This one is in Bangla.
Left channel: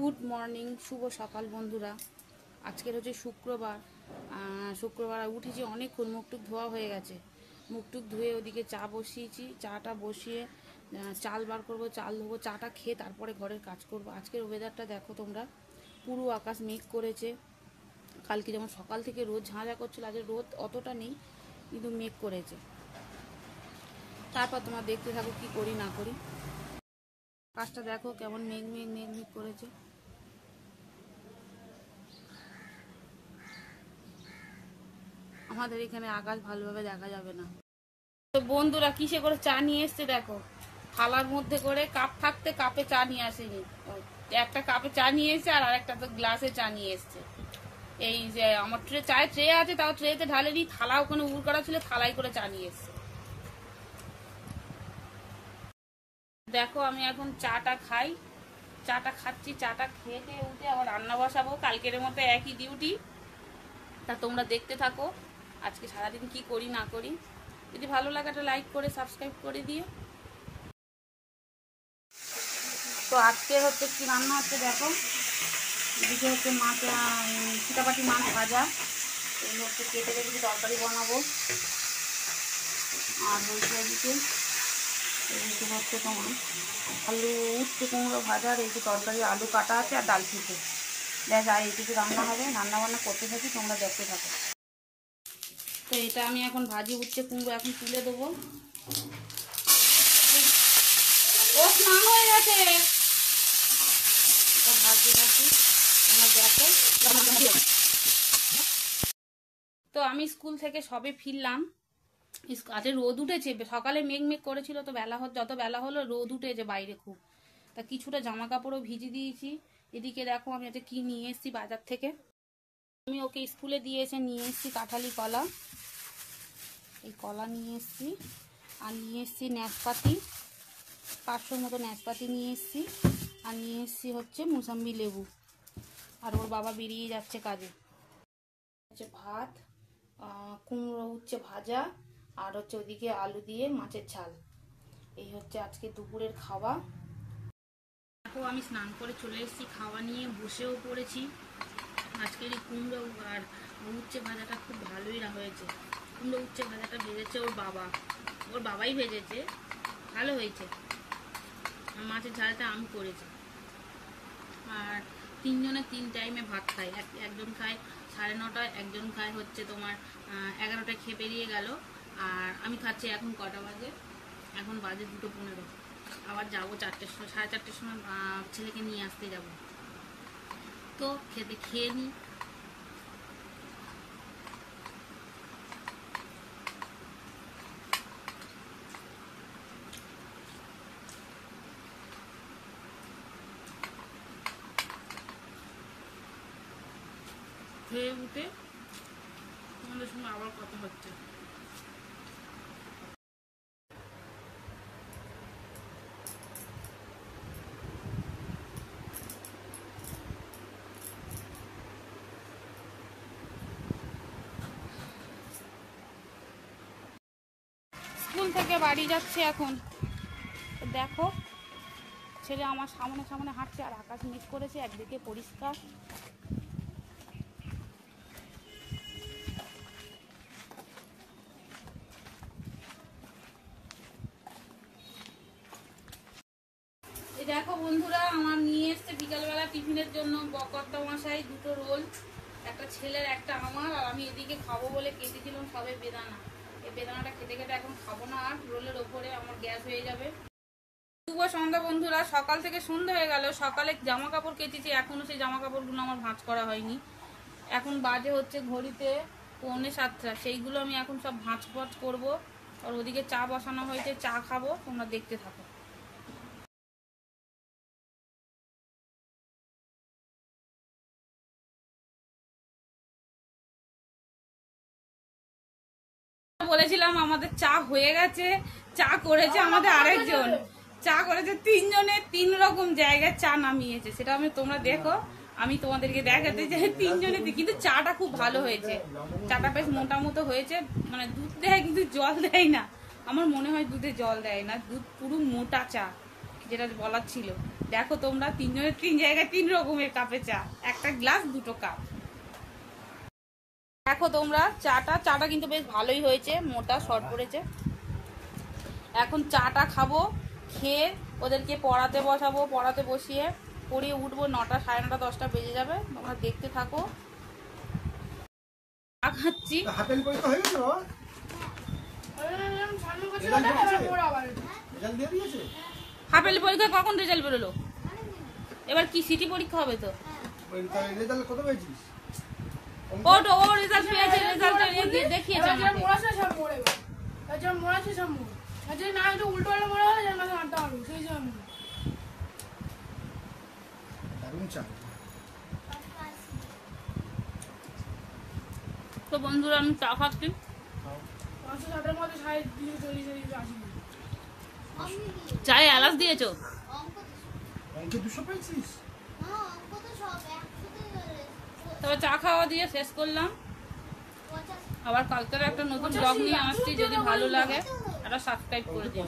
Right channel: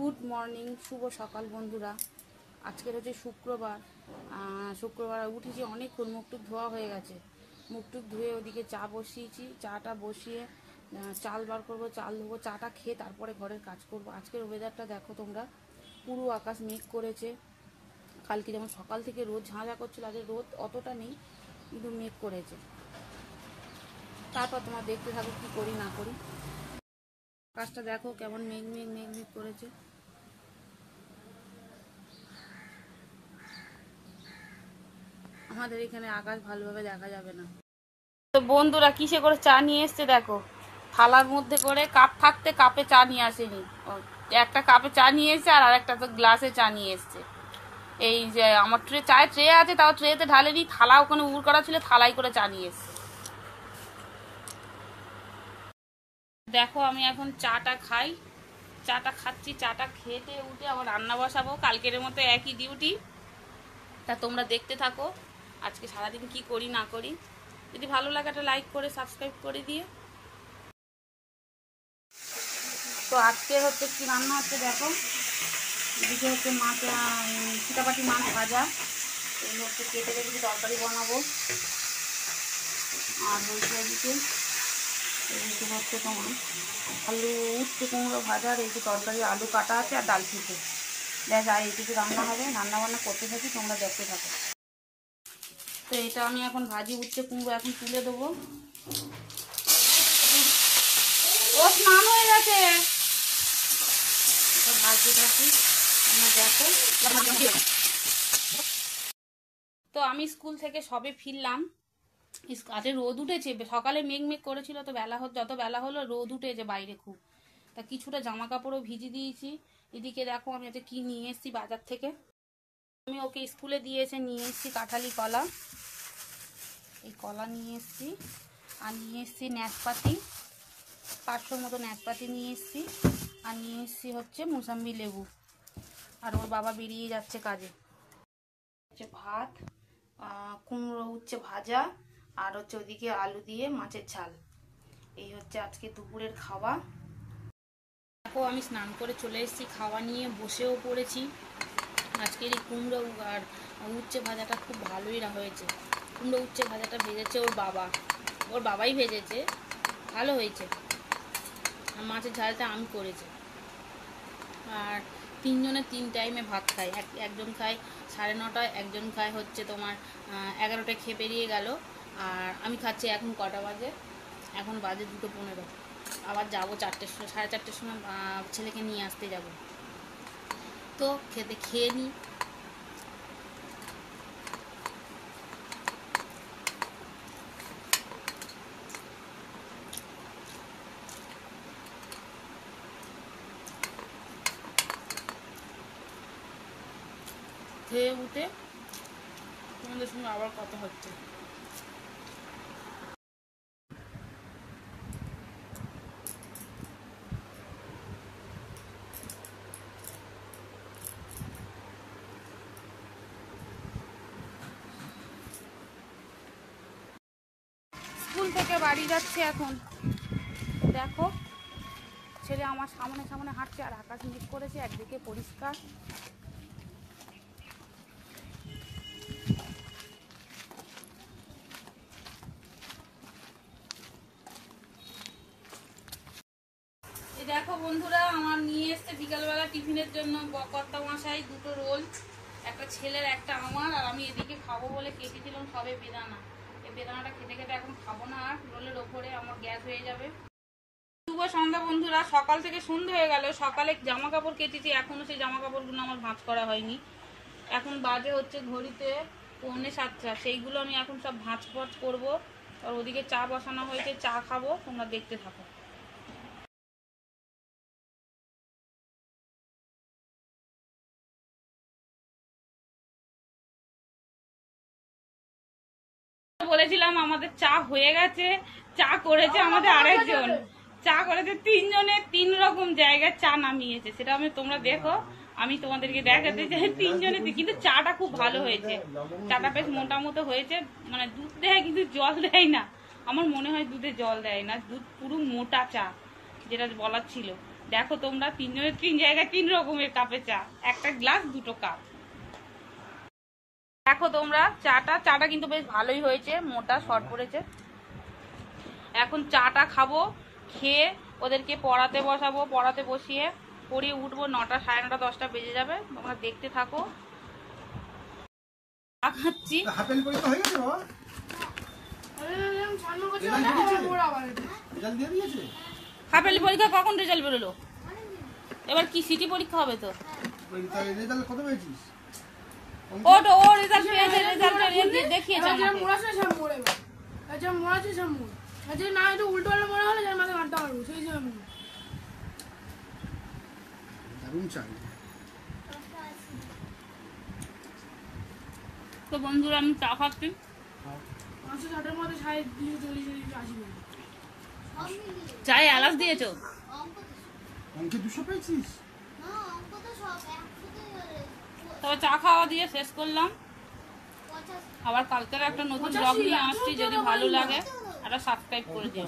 গুড মর্নিং, শুভ সকাল বন্ধুরা। আজকের হচ্ছে শুক্রবার। উঠেছি অনেকক্ষণ, মুখটুক ধোয়া হয়ে গেছে। মুখটুক ধুয়ে ওদিকে চা বসিয়েছি। চাটা বসিয়ে চাল বার করবো, চাল ধোবো, চাটা খেয়ে তারপরে ঘরের কাজ করব। আজকের ওয়েদারটা দেখো তোমরা, পুরো আকাশ মেঘ করেছে। কালকে যেমন সকাল থেকে রোদ ঝাঁঝা করছিল, আজ রোদ অতটা নেই, কিন্তু মেঘ করেছে। তারপর তোমরা দেখতে থাকো কি করি না করি। আকাশটা দেখো কেমন মেঘ মেঘ মেঘ মেঘ করেছে। আমাদের এখানে আকাশ ভালোভাবে দেখা যাবে না। তো বন্ধুরা কিসে করে চা নিয়ে এসছে দেখো, থালার মধ্যে করে। কাপ থাকতে কাপে চা নিয়ে আসেনি, একটা কাপে চা নিয়ে এসছে আর আরেকটা তো গ্লাসে চা নিয়ে এসছে। এই যে আমার চায়ের ট্রে আছে, তাও ট্রেতে ঢালেনি, থালা ওখানে উড় করা ছিল, থালাই করে চা নিয়ে এসছে। দেখো আমি এখন চাটা খাই, চাটা খাচ্ছি। চাটা খেতে উঠে আবার রান্না বসাবো, কালকের মতো একই ডিউটি। তা তোমরা দেখতে থাকো আজকে সারাদিন কি করি না করি। যদি ভালো লাগে একটা লাইক করে সাবস্ক্রাইব করে দিয়ে। তো আজকে হচ্ছে কি রান্না হচ্ছে দেখো। এদিকে হচ্ছে মাছ, চিটাপাটি মাছ ভাজা, এগুলো হচ্ছে কেটে রেখেছি, তরকারি বানাবো। আর হচ্ছে এদিকে হচ্ছে তোমার আলু উচ্ছে কুমড়ো ভাজা, আর এই যে তরকারি আলু কাটা আছে, আর ডাল সিদ্ধ। ব্যাস, আর এইটুকু রান্না হবে। রান্না বান্না করতে থাকি, তোমরা দেখতে থাকো। তো এটা আমি এখন ভাজি উচ্ছে কুমড়ো এখন তুলে দেবো। ও স্নান হয়ে গেছে, ভাজি থাকি, তোমরা দেখো। তো আমি স্কুল থেকে সবে ফিরলাম। আজকে রোদ উঠেছে, সকালে মেঘ মেঘ করেছিল, তো যত বেলা হলো রোদ উঠেছে বাইরে খুব। তা কিছুটা জামা কাপড়ও ভিজি দিয়েছি। এদিকে দেখো আমি এতে কি নিয়ে এসেছি বাজার থেকে। আমি ওকে স্কুলে নিয়ে এসেছি কাঁঠালি কলা, এই কলা নিয়ে এসেছি। আর নিয়ে এসেছি নাশপাতি, 500 মতো নাশপাতি নিয়ে এসেছি। আর নিয়ে এসেছি হচ্ছে মুসাম্বি লেবু। আর ওর বাবা বেরিয়ে যাচ্ছে কাজে। হচ্ছে ভাত, কুমড়ো উচ্ছে ভাজা, আর হচ্ছে ওদিকে আলু দিয়ে মাছের ঝাল। এই হচ্ছে আজকে দুপুরের খাওয়া। দেখো আমি স্নান করে চলে এসেছি, খাওয়া নিয়ে বসেও পড়েছি। আজকের এই কুমড়ো আর উচ্ছে ভাজাটা খুব ভালোই হয়েছে। কুমড়ো উচ্ছে ভাজাটা ভেজেছে ওর বাবাই ভেজেছে, ভালো হয়েছে। আর মাছের ঝালটা আমি করেছি। আর তিনজনে 3 টাইমে ভাত খায়, একজন খায় 9:30, একজন খায় হচ্ছে তোমার 11টায় খেয়ে বেরিয়ে গেল। আর আমি খাচ্ছি এখন কটা বাজে, এখন বাজে 2:15। আবার যাবো 4:30 সময় ছেলেকে নিয়ে আসতে যাব। তো খেয়ে নিই। খেয়ে উঠে তোমাদের সঙ্গে আবার কথা হচ্ছে। স্কুল থেকে বাড়ি যাচ্ছে এখন। দেখো ছেলে আমার সামনে সামনে হাঁটছে, আর আকাশ মেঘ করেছে, একদিকে পরিষ্কার। দেখো বন্ধুরা, আমার নিয়ে এসছে বিকালবেলা টিফিনের জন্য কর্তা মশাই 2টো রোল, একটা ছেলের একটা আমার। আর আমি এদিকে খাবো বলে কেটেছিলাম সবে বেদানা। এই বেদানাটা খেতে খেতে এখন খাবো না, আর রোলের ওপরে আমার গ্যাস হয়ে যাবে। শুভ সন্ধ্যা বন্ধুরা, সকাল থেকে সন্ধ্যা হয়ে গেল। সকালে জামা কাপড় কেটেছি, এখনো সেই জামা কাপড়গুলো আমার ভাঁজ করা হয়নি। এখন বাজে হচ্ছে ঘড়িতে 6:45। সেইগুলো আমি এখন সব ভাঁজ করবো। আর ওদিকে চা বসানো হয়েছে, চা খাবো, তোমরা দেখতে থাকো। বলেছিলাম আমাদের চা হয়ে গেছে, চা করেছে আমাদের আরেকজন, চা করেছে 3 জনের 3 রকম জায়গায় চা নামিয়েছে। সেটা তোমরা দেখো, আমি তোমাদেরকে দেখাতে চাই 3 জনের। কিন্তু চাটা খুব ভালো হয়েছে, চাটা বেশ মোটা মতো হয়েছে। মানে দুধ দেয় কিন্তু জল দেয় না, আমার মনে হয় দুধে জল দেয় না, দুধ পুরো মোটা চা, যেটা বলার ছিল। দেখো তোমরা তিনজনের তিন জায়গায় 3 রকমের কাপে চা, একটা গ্লাস 2টো কাপ। দেখো তোমরা চাটা কিন্তু বেশ ভালোই হয়েছে, মোটা শর্ট পড়েছে। এখন চাটা খাবো, খেয়ে ওদেরকে পড়াতে বসাবো, পড়াতে বসিয়ে পড়িয়ে উঠবো। 9টা, সাড়ে 9টা, 10টা বেজে যাবে। তোমরা দেখতে থাকো। খাচ্ছি। হাফেলি পরীক্ষা কখন রেজাল্ট বেরোলো? এবার কি সিটি পরীক্ষা হবে তো? ও রেজাল্ট পেয়েছে, রেজাল্ট দেখিয়েছে না একটু উল্টো পাল্টা মনে হলে মাঝে ঘন্টা মারবো সেই জন্য। তো বন্ধুরা আমি চা খাচ্ছি। 560-এর মধ্যে 40 চায়ে এলাচ দিয়েছো? তবে চা খাওয়া দিয়ে শেষ করলাম। আবার কালকের একটা নতুন ব্লগ নিয়ে আসছি, যদি ভালো লাগে একটা সাবস্ক্রাইব করে দিও।